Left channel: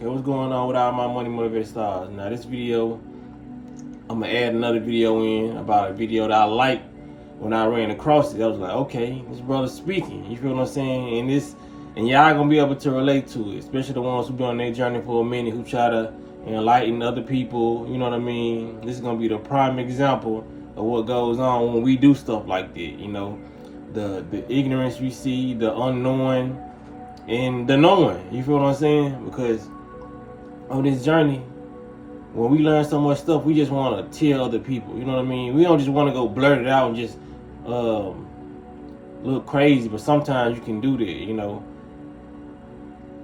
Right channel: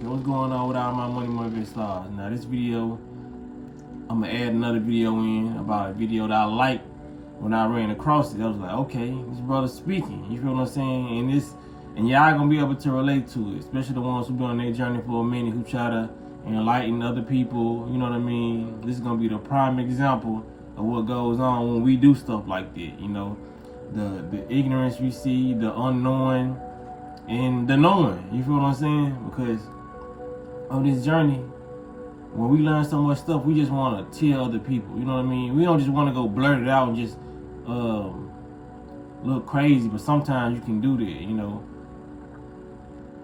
Okay, what's going on with all my money motivated stars? Now this video, I'm gonna add another video in about a video that I liked when I ran across it. I was like, okay, this brother's speaking. You feel what I'm saying? And y'all gonna be able to relate to it, especially the ones who been on their journey for a minute, who try to enlighten other people. You know what I mean? This is gonna be the prime example of what goes on when we do stuff like that. You know, the ignorance we see, the unknowing, and the knowing. You feel what I'm saying? Because on this journey, when we learn so much stuff, we just want to tell other people. You know what I mean? We don't just want to go blurt it out and just look crazy. But sometimes you can do that. You know,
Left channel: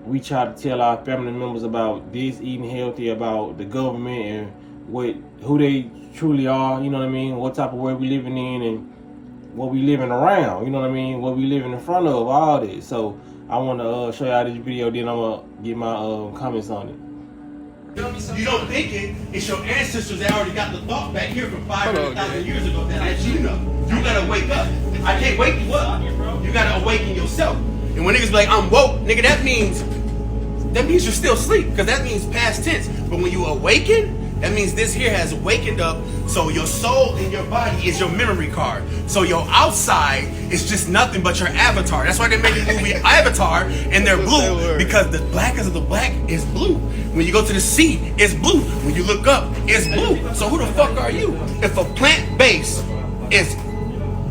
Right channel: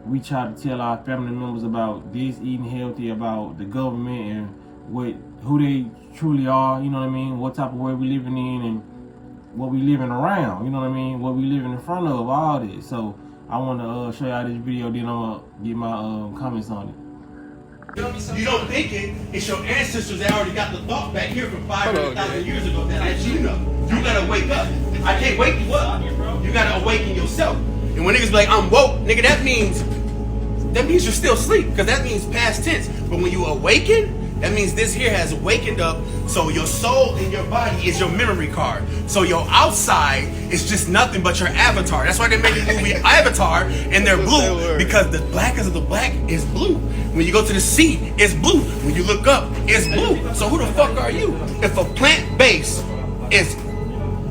we try to tell our family members about this, eating healthy, about the government and who they truly are. You know what I mean? What type of world we living in and what we living around. You know what I mean? What we living in front of, all this. So I want to show y'all this video. Then I'm gonna get my comments on it. You don't think it's your ancestors that already got the thought back here from 500,000 years ago that let you know. You gotta wake up. I can't wake you up. You gotta awaken yourself. And when niggas be like, I'm woke, nigga, that means you're still asleep, because that means past tense. But when you awaken, that means this here has wakened up. So your soul in your body is your memory card. So your outside is just nothing but your avatar. That's why they made the movie Avatar, and they're blue, because the blackest of the black is blue. When you go to the sea, it's blue. When you look up, it's blue. So who the fuck are you? If a plant base is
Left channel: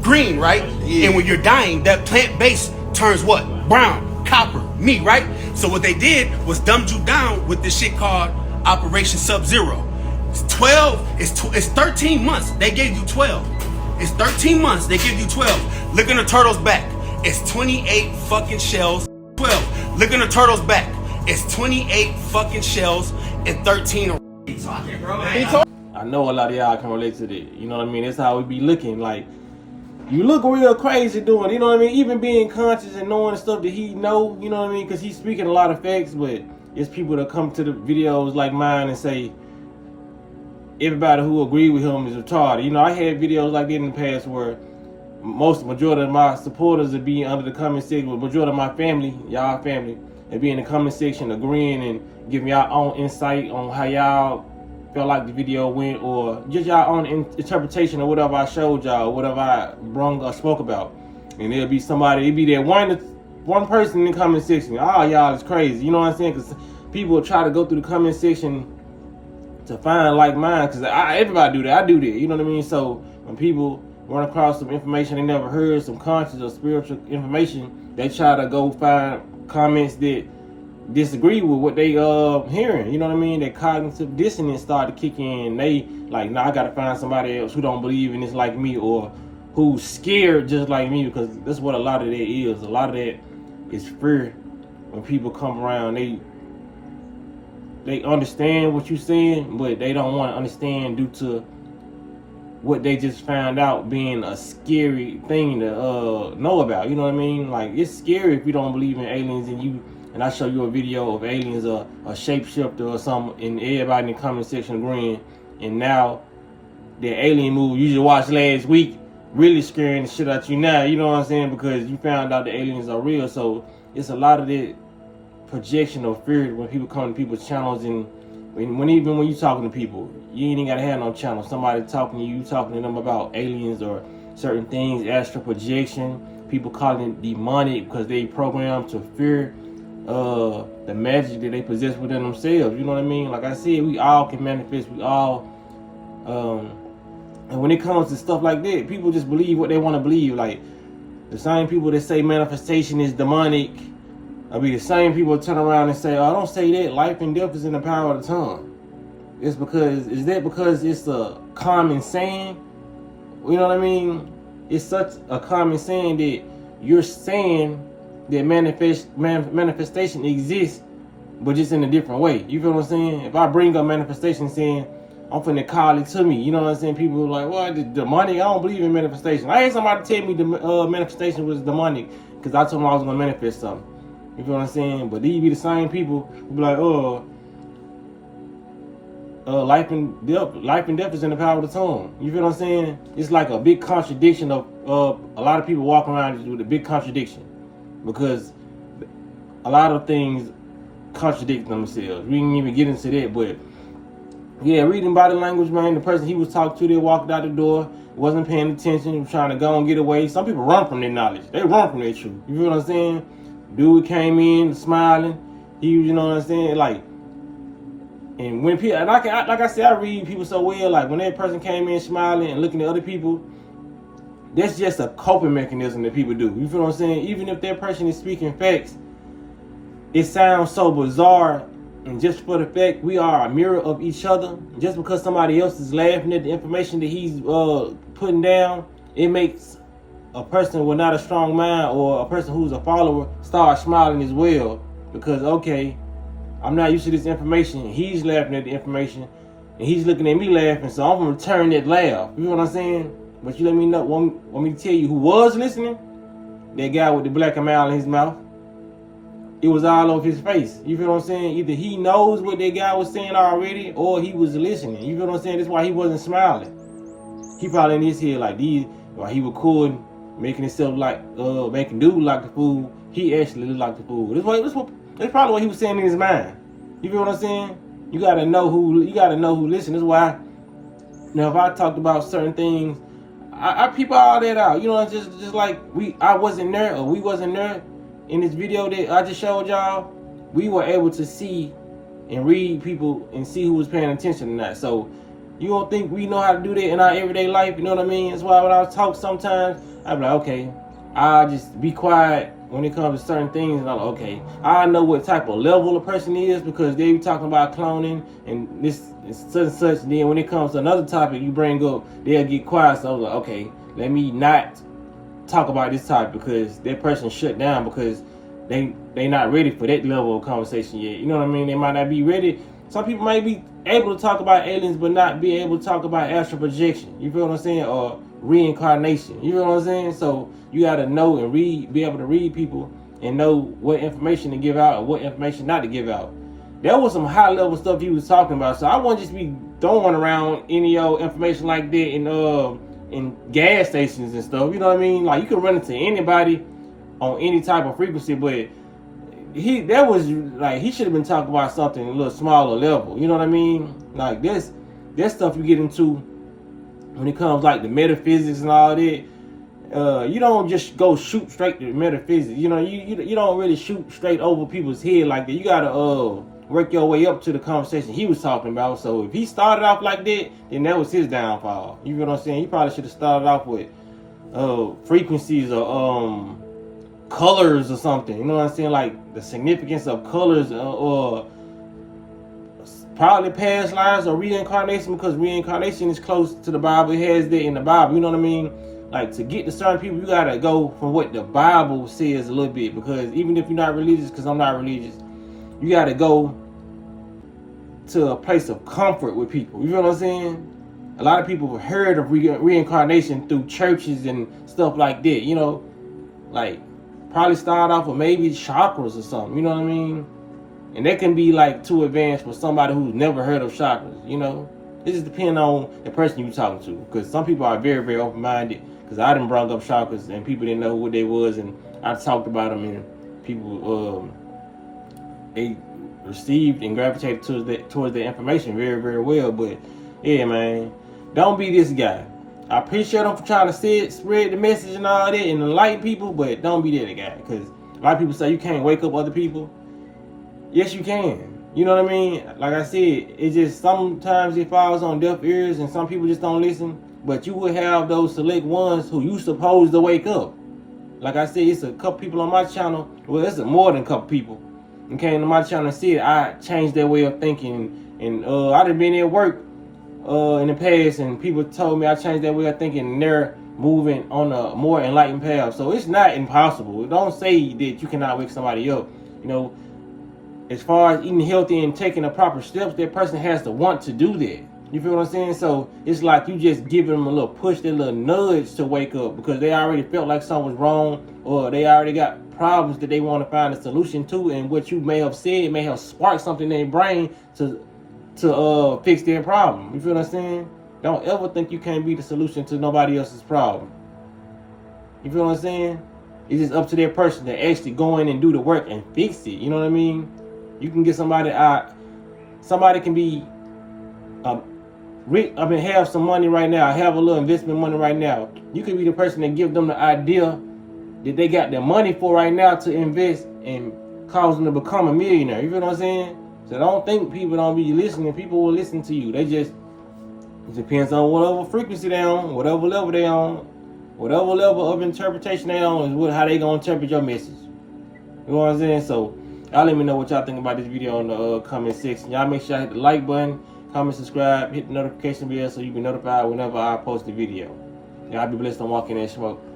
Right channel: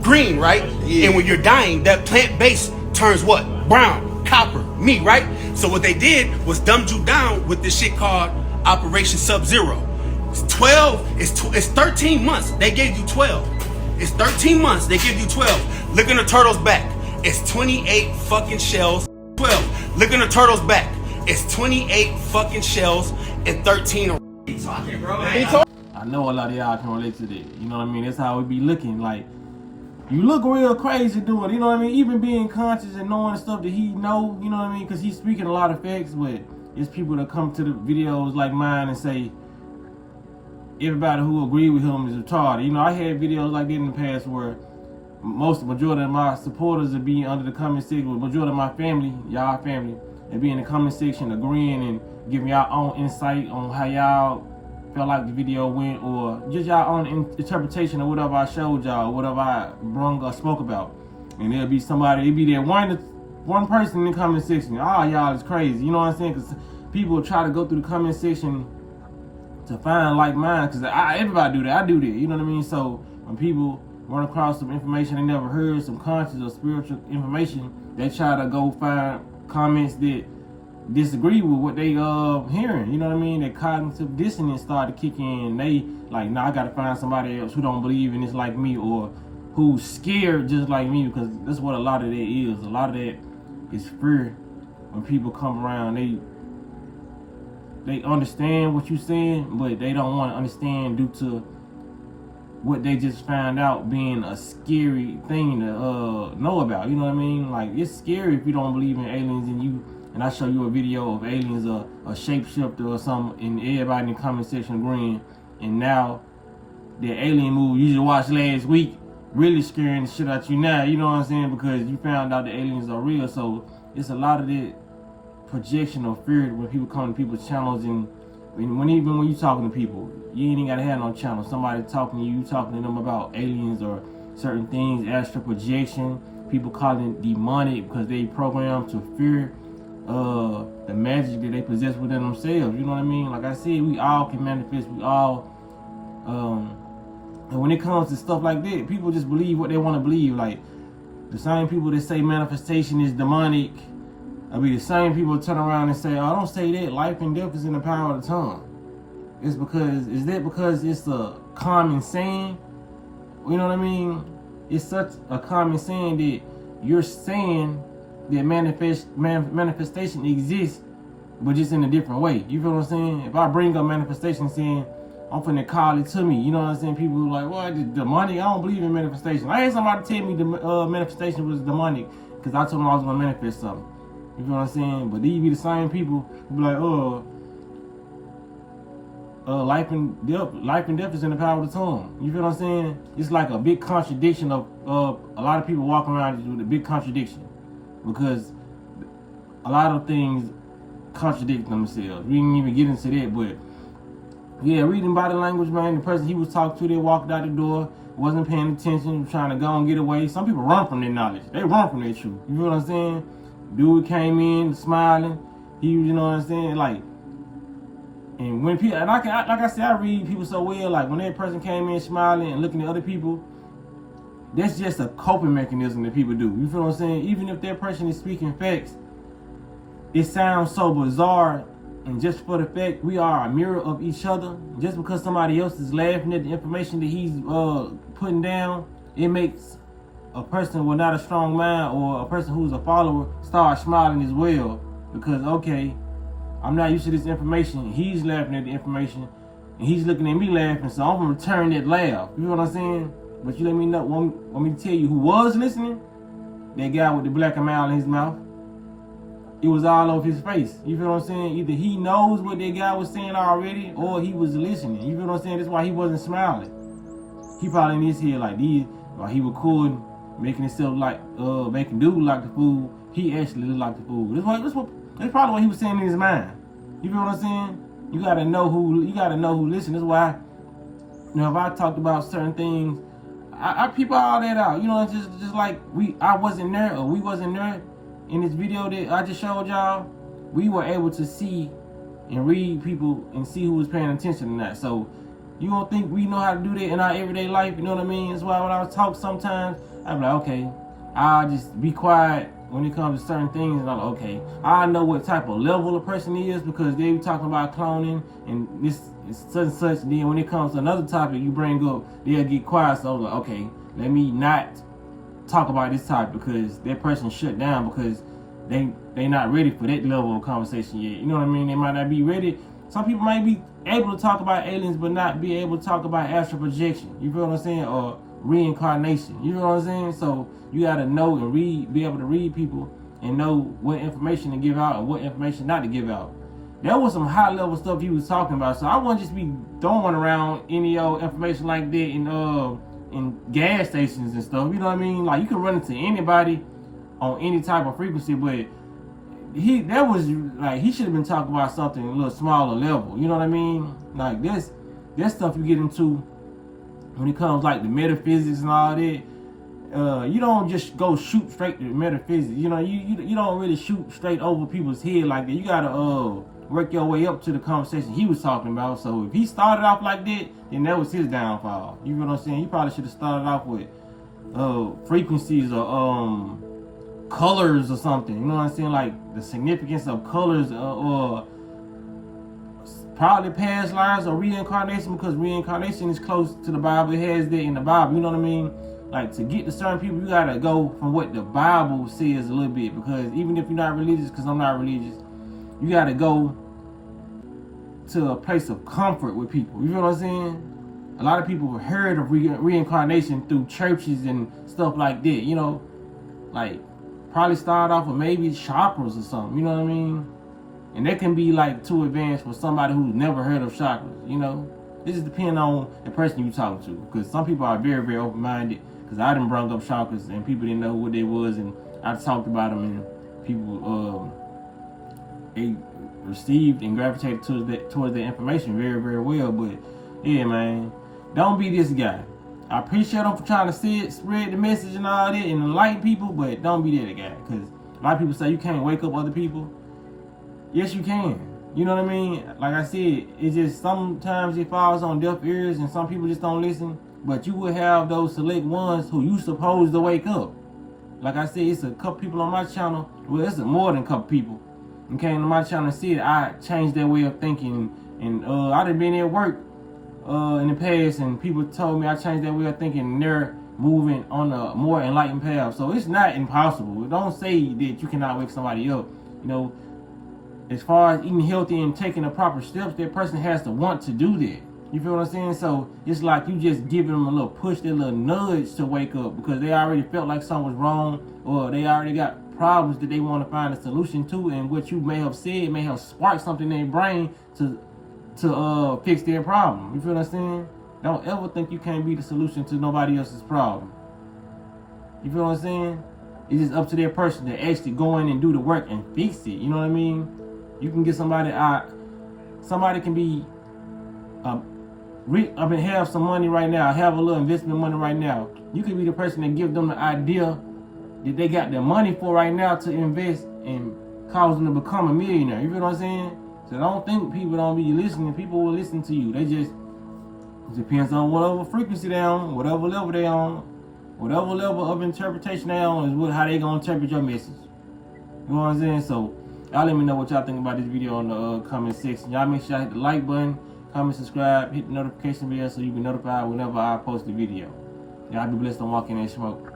green, right? Yeah. And when you're dying, that plant base turns what? Brown, copper, me, right? So what they did was dumbed you down with this shit called Operation Sub-Zero. It's 13 months. They gave you 12. It's 13 months. They give you 12. Look in the turtle's back. It's 28 fucking shells. 12. Look in the turtle's back. It's 28 fucking shells and 13. What are you talking, bro? I know a lot of y'all can relate to that. You know what I mean? That's how we be looking. Like, you look real crazy doing it. You know what I mean? Even being conscious and knowing stuff that he know. You know what I mean? Because he's speaking a lot of facts, but it's people that come to the videos like mine and say everybody who agree with him is retarded. You know, I had videos like that in the past where majority of my supporters would be under the comment section, with majority of my family, y'all family, and be in the comment section agreeing and giving y'all own insight on how y'all felt like the video went, or just y'all own interpretation of whatever I showed y'all, whatever I brung or spoke about. And there'll be somebody, it'll be that one person in the comment section, oh, y'all is crazy. You know what I'm saying? Because people try to go through the comment section to find like mine, because everybody do that. I do that. You know what I mean? So when people run across some information they never heard, some conscious or spiritual information, they try to go find comments that disagree with what they hearing. You know what I mean? That cognitive dissonance start to kick in. They like, nah, I gotta find somebody else who don't believe in this like me, or who's scared just like me, because that's what a lot of that is. A lot of that is fear. When people come around, they understand what you're saying, but they don't want to understand due to what they just found out being a scary thing to know about. You know what I mean? Like, it's scary if you don't believe in aliens and I show you a video of aliens or a shapeshifter or something, and everybody in the comment section agreeing, and now the alien movie you just watched last week really scaring the shit out you now. You know what I'm saying? Because you found out the aliens are real. So it's a lot of that projection or fear when people come to people's channels, and when you talking to people, you ain't even gotta have no channel. Somebody talking to you, talking to them about aliens or certain things, astral projection. People calling it demonic because they programmed to fear the magic that they possess within themselves. You know what I mean? Like I said, we all can manifest. We all, and when it comes to stuff like that, people just believe what they want to believe. Like the same people that say manifestation is demonic, I mean, the same people turn around and say, oh, don't say that. Life and death is in the power of the tongue. Is that because it's a common saying? You know what I mean? It's such a common saying that you're saying that manifestation exists, but just in a different way. You feel what I'm saying? If I bring up manifestation saying, I'm finna call it to me. You know what I'm saying? People are like, what? The demonic? I don't believe in manifestation. I had somebody tell me the manifestation was demonic because I told them I was going to manifest something. You feel what I'm saying? But these be the same people who be like, life and death is in the power of the tongue. You feel what I'm saying? It's like a big contradiction of a lot of people walking around with a big contradiction, because a lot of things contradict themselves. We didn't even get into that, but yeah, reading body language, man. The person he was talking to, they walked out the door, wasn't paying attention, was trying to go and get away. Some people run from their knowledge. They run from their truth. You feel what I'm saying? Dude came in smiling. He, you know what I'm saying? Like, and when people, and like I said, I read people so well. Like when that person came in smiling and looking at other people, that's just a coping mechanism that people do. You feel what I'm saying? Even if that person is speaking facts, it sounds so bizarre. And just for the fact we are a mirror of each other, just because somebody else is laughing at the information that he's putting down, it makes a person with not a strong mind or a person who's a follower start smiling as well. Because, okay, I'm not used to this information. He's laughing at the information, and he's looking at me laughing, so I'm going to return that laugh. You know what I'm saying? But you let me know, want me to tell you who was listening? That guy with the black mile in his mouth. It was all over his face. You feel what I'm saying? Either he knows what that guy was saying already, or he was listening. You feel what I'm saying? That's why he wasn't smiling. He probably in his head like these, while he recording, making himself like, making dude like the fool. He actually looked like the fool. That's probably what he was saying in his mind. You feel what I'm saying? You gotta know who listens. That's why, you know, if I talked about certain things, I peep all that out. You know, just like I wasn't there or we wasn't there. In this video that I just showed y'all, we were able to see and read people and see who was paying attention to that. So you don't think we know how to do that in our everyday life? You know what I mean? That's why when I talk sometimes, I be like, okay, I'll just be quiet when it comes to certain things. And I'm like, okay, I know what type of level a person is because they be talking about cloning and this and such and such. And then when it comes to another topic you bring up, they'll get quiet. So I was like, okay, let me not talk about this topic because that person shut down because they not ready for that level of conversation yet. You know what I mean? They might not be ready. Some people might be able to talk about aliens but not be able to talk about astral projection. You feel what I'm saying? Or reincarnation. You feel what I'm saying? So you gotta know and read, be able to read people and know what information to give out and what information not to give out. That was some high level stuff he was talking about. So I wouldn't just be throwing around any old information like that in gas stations and stuff. You know what I mean? Like you can run into anybody on any type of frequency, but he should have been talking about something a little smaller level. You know what I mean? Like this stuff you get into when it comes like the metaphysics and all that. You don't just go shoot straight to metaphysics. You know, you don't really shoot straight over people's head like that. You gotta work your way up to the conversation he was talking about. So if he started off like that, then that was his downfall. You know what I'm saying? He probably should have started off with frequencies or colors or something. You know what I'm saying? Like the significance of colors or probably past lives or reincarnation, because reincarnation is close to the Bible. It has that in the Bible. You know what I mean? Like to get to certain people, you gotta go from what the Bible says a little bit, because even if you're not religious, because I'm not religious, you gotta go to a place of comfort with people. You know what I'm saying? A lot of people have heard of reincarnation through churches and stuff like that. You know, like probably start off with maybe chakras or something. You know what I mean? And that can be like too advanced for somebody who's never heard of chakras. You know, it just depends on the person you're talking to, because some people are very, very open-minded. Because I done brought up chakras and people didn't know what they was, and I talked about them, and people they received and gravitated towards the information very, very well. But yeah, man, don't be this guy. I appreciate them for trying to spread the message and all that and enlighten people, but don't be that guy. Because a lot of people say you can't wake up other people. Yes, you can. You know what I mean? Like I said, it just sometimes it falls on deaf ears and some people just don't listen. But you will have those select ones who you supposed to wake up. Like I said, it's a couple people on my channel. Well, it's more than a couple people. And came to my channel and said I changed their way of thinking. And I done been at work in the past, and people told me I changed their way of thinking, and they're moving on a more enlightened path. So it's not impossible. Don't say that you cannot wake somebody up. You know, as far as eating healthy and taking the proper steps, that person has to want to do that. You feel what I'm saying? So it's like you just giving them a little push, a little nudge to wake up, because they already felt like something was wrong, or they already got problems that they want to find a solution to, and what you may have said may have sparked something in their brain to fix their problem. You feel what I'm saying? Don't ever think you can't be the solution to nobody else's problem. You feel what I'm saying? It's just up to that person to actually go in and do the work and fix it. You know what I mean? You can get somebody out. Somebody can be have some money right now, have a little investment money right now. You could be the person that give them the idea that they got their money for right now to invest and cause them to become a millionaire. You feel what I'm saying? So don't think people don't be listening. People will listen to you. It depends on whatever frequency they on, whatever level they on, whatever level of interpretation they on is how they gonna interpret your message. You know what I'm saying? So y'all let me know what y'all think about this video in the comment section. Y'all make sure y'all hit the like button, comment, subscribe, hit the notification bell so you be notified whenever I post a video. Y'all be blessed on walking in smoke.